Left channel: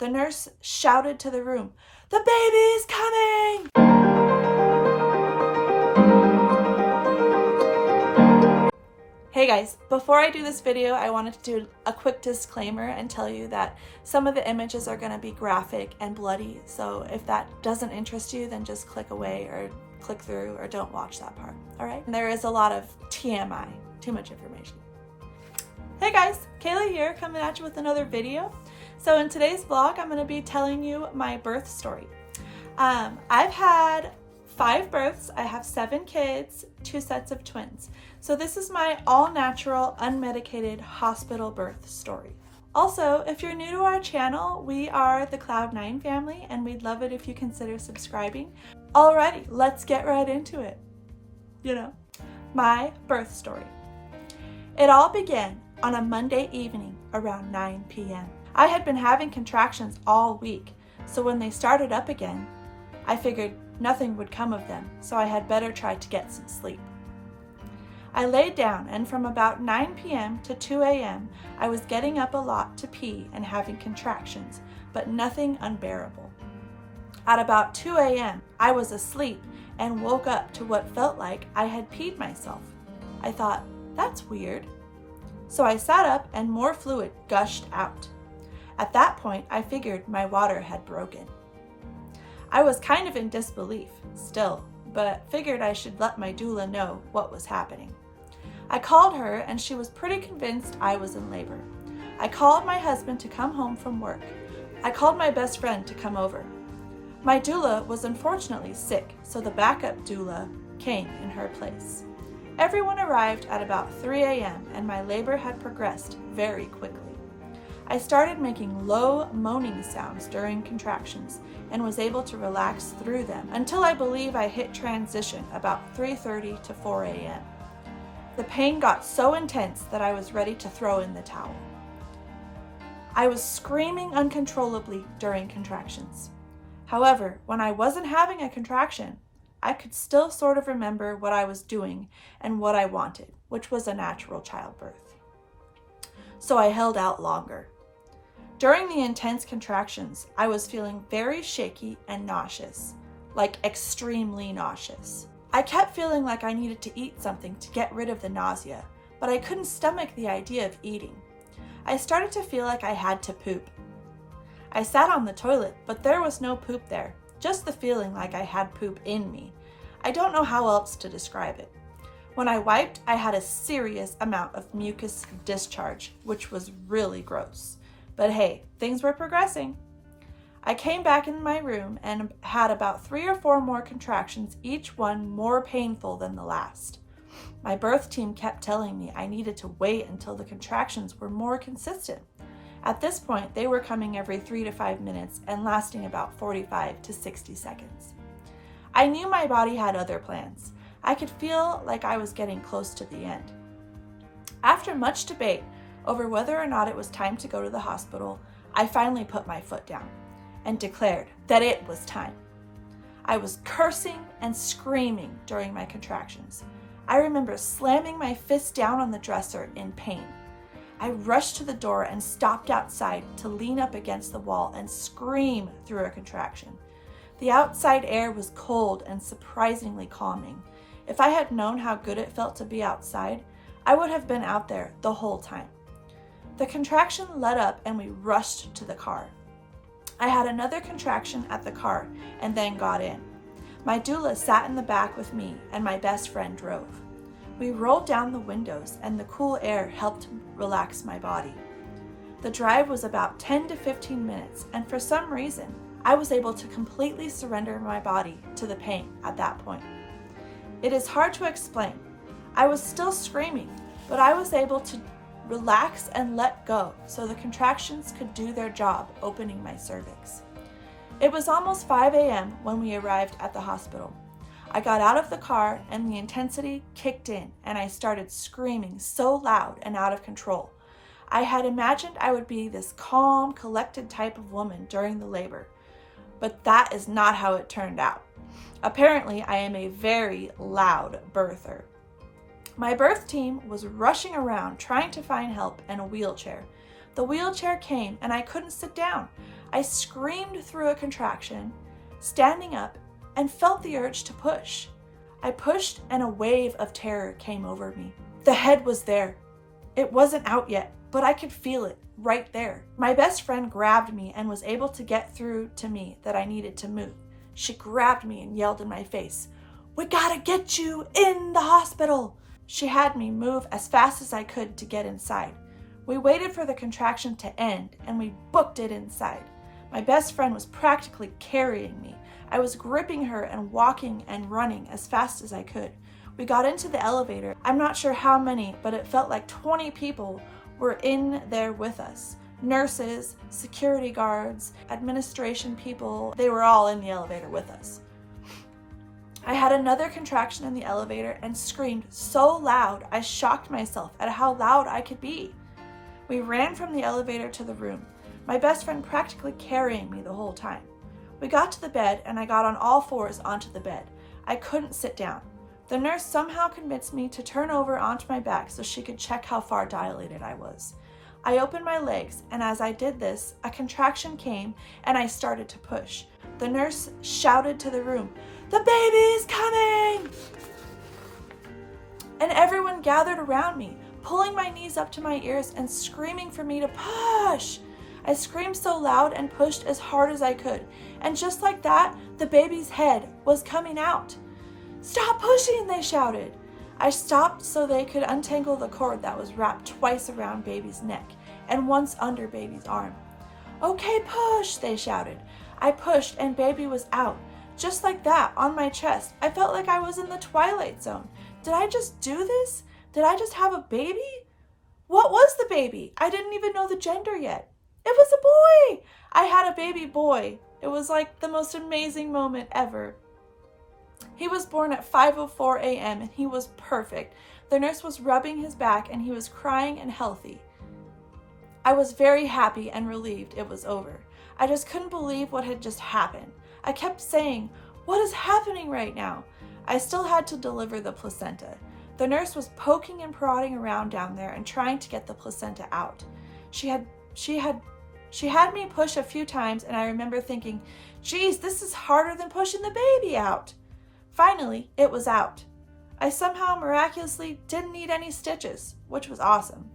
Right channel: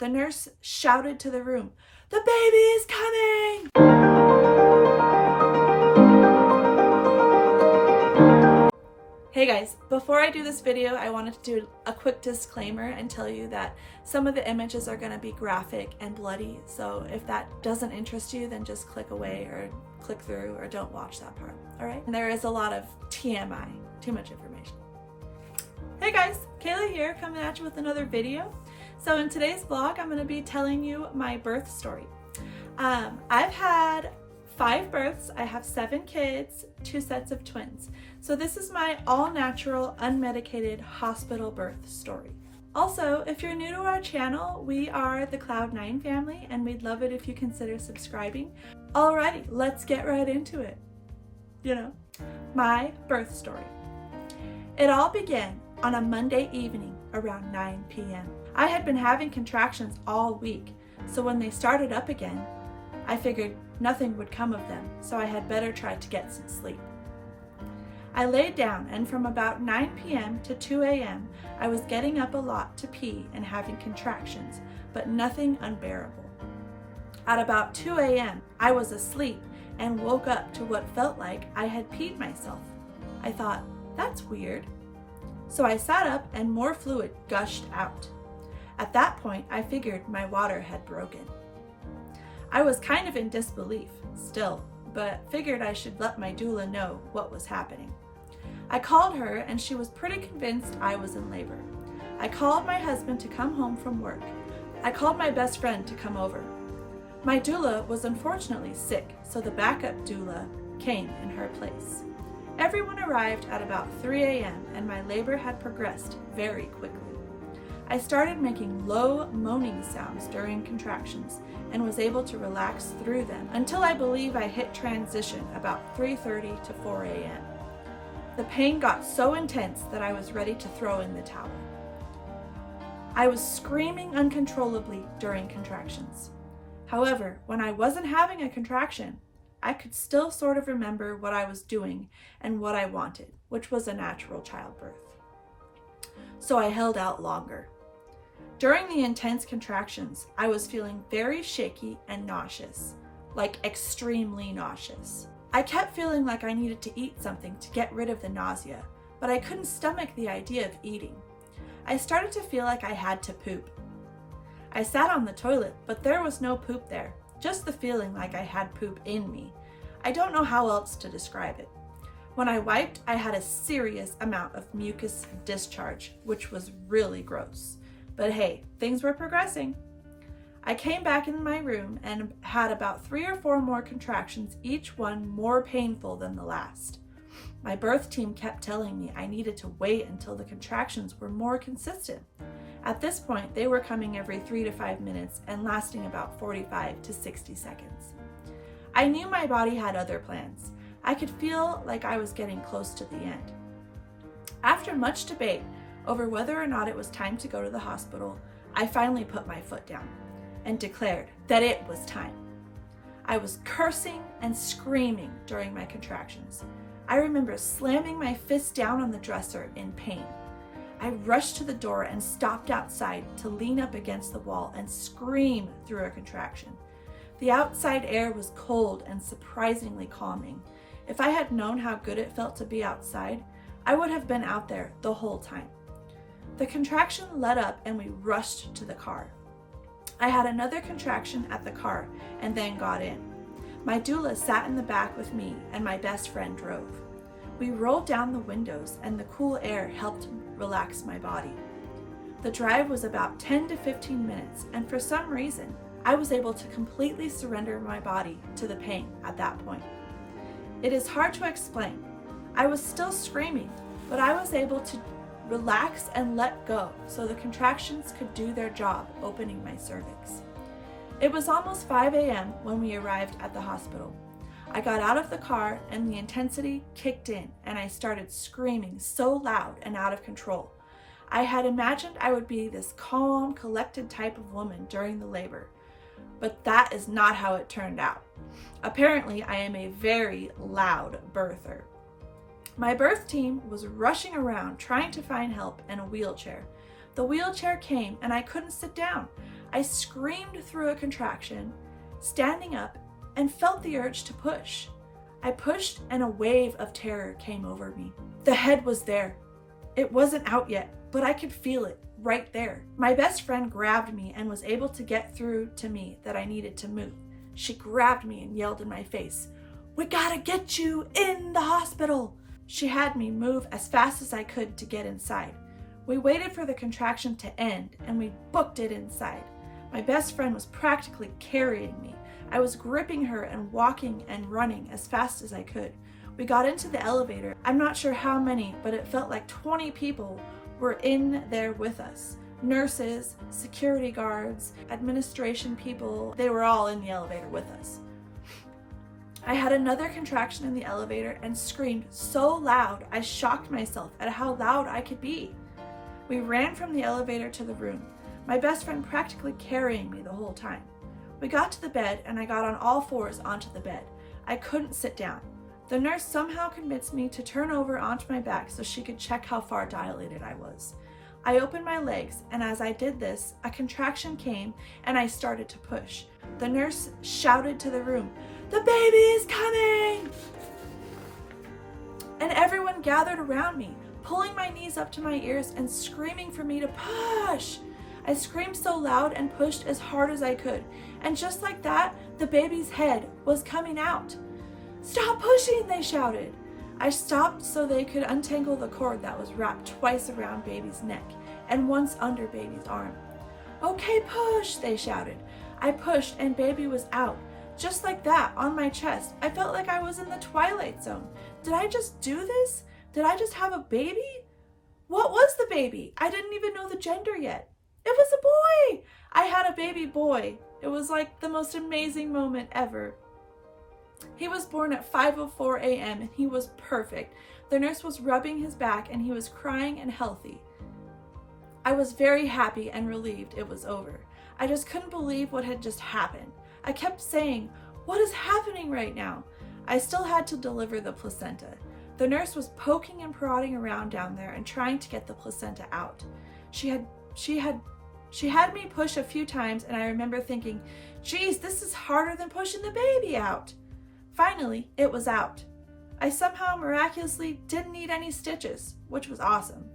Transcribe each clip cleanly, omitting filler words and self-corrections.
the nurse shouted to the room, "The baby is coming!" Hey guys, before I do this video, I wanted to do a quick disclaimer and tell you that some of the images are going to be graphic and bloody, so if that doesn't interest you, then just click away or click through or don't watch that part, alright? There is a lot of TMI, too much information. Hey guys, Kayla here, coming at you with another video. So in today's vlog, I'm going to be telling you my birth story. I've had 5 births, I have 7 kids, 2 sets of twins. So this is my all-natural, unmedicated hospital birth story. Also, if you're new to our channel, we are the Cloud9 family, and we'd love it if you consider subscribing. Alrighty, let's get right into it. My birth story. It all began on a Monday evening around 9 p.m. I had been having contractions all week, so when they started up again, I figured nothing would come of them, so I had better try to get some sleep. I laid down, and from about 9 p.m. to 2 a.m., I was getting up a lot to pee and having contractions, but nothing unbearable. At about 2 a.m., I was asleep and woke up to what felt like I had peed myself. I thought, that's weird. So I sat up and more fluid gushed out. At that point, I figured my water had broken. I was kind of in disbelief still, but figured I should let my doula know what was happening. I called her and she was pretty convinced I was in labor. I called my husband to come home from work. I called my best friend to come over. My doula was unfortunately sick, so the backup doula came in her place. Everyone arrived at about 3 a.m. and my labor had progressed very quickly. I started making low moaning sounds during contractions and was able to relax through them until I believe I hit transition about 3:30 to 4 a.m. The pain got so intense that I was ready to throw in the towel. I was screaming uncontrollably during contractions. However, when I wasn't having a contraction, I could still sort of remember what I was doing and what I wanted, which was a natural childbirth. So I held out longer. During the intense contractions, I was feeling very shaky and nauseous, like extremely nauseous. I kept feeling like I needed to eat something to get rid of the nausea, but I couldn't stomach the idea of eating. I started to feel like I had to poop. I sat on the toilet, but there was no poop there, just the feeling like I had poop in me. I don't know how else to describe it. When I wiped, I had a serious amount of mucus discharge, which was really gross. But hey, things were progressing. I came back in my room and had about 3 or 4 more contractions, each one more painful than the last. My birth team kept telling me I needed to wait until the contractions were more consistent. At this point, they were coming every 3 to 5 minutes and lasting about 45 to 60 seconds. I knew my body had other plans. I could feel like I was getting close to the end. After much debate over whether or not it was time to go to the hospital, I finally put my foot down and declared that it was time. I was cursing and screaming during my contractions. I remember slamming my fist down on the dresser in pain. I rushed to the door and stopped outside to lean up against the wall and scream through a contraction. The outside air was cold and surprisingly calming. If I had known how good it felt to be outside, I would have been out there the whole time. The contraction let up and we rushed to the car. I had another contraction at the car and then got in. My doula sat in the back with me and my best friend drove. We rolled down the windows and the cool air helped relax my body. The drive was about 10 to 15 minutes, and for some reason, I was able to completely surrender my body to the pain at that point. It is hard to explain. I was still screaming, but I was able to relax and let go so the contractions could do their job opening my cervix. It was almost 5 a.m. when we arrived at the hospital. I got out of the car and the intensity kicked in and I started screaming so loud and out of control. I had imagined I would be this calm, collected type of woman during the labor, but that is not how it turned out. Apparently, I am a very loud birther. My birth team was rushing around trying to find help and a wheelchair. The wheelchair came and I couldn't sit down. I screamed through a contraction, standing up, and felt the urge to push. I pushed and a wave of terror came over me. The head was there. It wasn't out yet, but I could feel it right there. My best friend grabbed me and was able to get through to me that I needed to move. She grabbed me and yelled in my face, "We gotta get you in the hospital." She had me move as fast as I could to get inside. We waited for the contraction to end and we booked it inside. My best friend was practically carrying me. I was gripping her and walking and running as fast as I could. We got into the elevator. I'm not sure how many, but it felt like 20 people were in there with us. Nurses, security guards, administration people, they were all in the elevator with us. I had another contraction in the elevator and screamed so loud I shocked myself at how loud I could be. We ran from the elevator to the room, my best friend practically carrying me the whole time. We got to the bed and I got on all fours onto the bed. I couldn't sit down. The nurse somehow convinced me to turn over onto my back so she could check how far dilated I was. I opened my legs, and as I did this, a contraction came and I started to push. The nurse shouted to the room, "The baby is coming!" And everyone gathered around me, pulling my knees up to my ears and screaming for me to push. I screamed so loud and pushed as hard as I could, and just like that, the baby's head was coming out. "Stop pushing," they shouted. I stopped so they could untangle the cord that was wrapped twice around baby's neck and once under baby's arm. "Okay, push," they shouted. I pushed and baby was out. Just like that, on my chest. I felt like I was in the Twilight Zone. Did I just do this? Did I just have a baby? What was the baby? I didn't even know the gender yet. It was a boy! I had a baby boy. It was like the most amazing moment ever. He was born at 5:04 a.m. and he was perfect. The nurse was rubbing his back and he was crying and healthy. I was very happy and relieved it was over. I just couldn't believe what had just happened. I kept saying, "What is happening right now?" I still had to deliver the placenta. The nurse was poking and prodding around down there and trying to get the placenta out. She had me push a few times and I remember thinking, "Geez, this is harder than pushing the baby out." Finally, it was out. I somehow miraculously didn't need any stitches, which was awesome.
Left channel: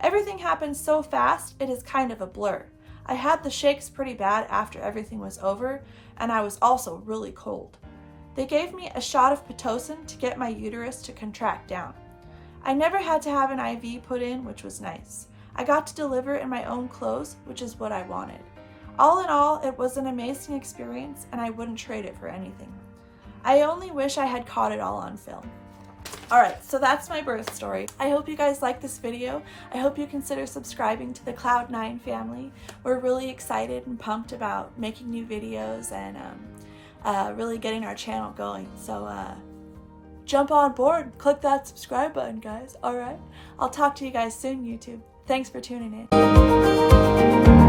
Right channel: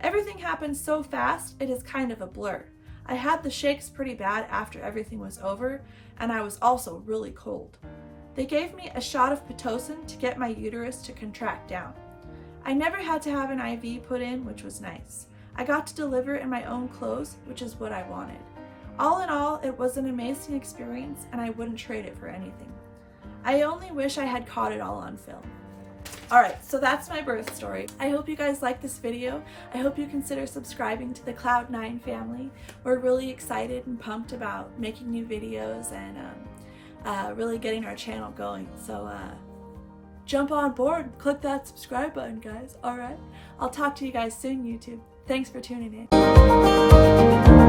Everything happened so fast, it is kind of a blur. I had the shakes pretty bad after everything was over, and I was also really cold. They gave me a shot of Pitocin to get my uterus to contract down. I never had to have an IV put in, which was nice. I got to deliver in my own clothes, which is what I wanted. All in all, it was an amazing experience, and I wouldn't trade it for anything. I only wish I had caught it all on film. Alright, so that's my birth story. I hope you guys like this video. I hope you consider subscribing to the Cloud9 family. We're really excited and pumped about making new videos and really getting our channel going. So jump on board, click that subscribe button, guys. Alright, I'll talk to you guys soon, YouTube. Thanks for tuning in.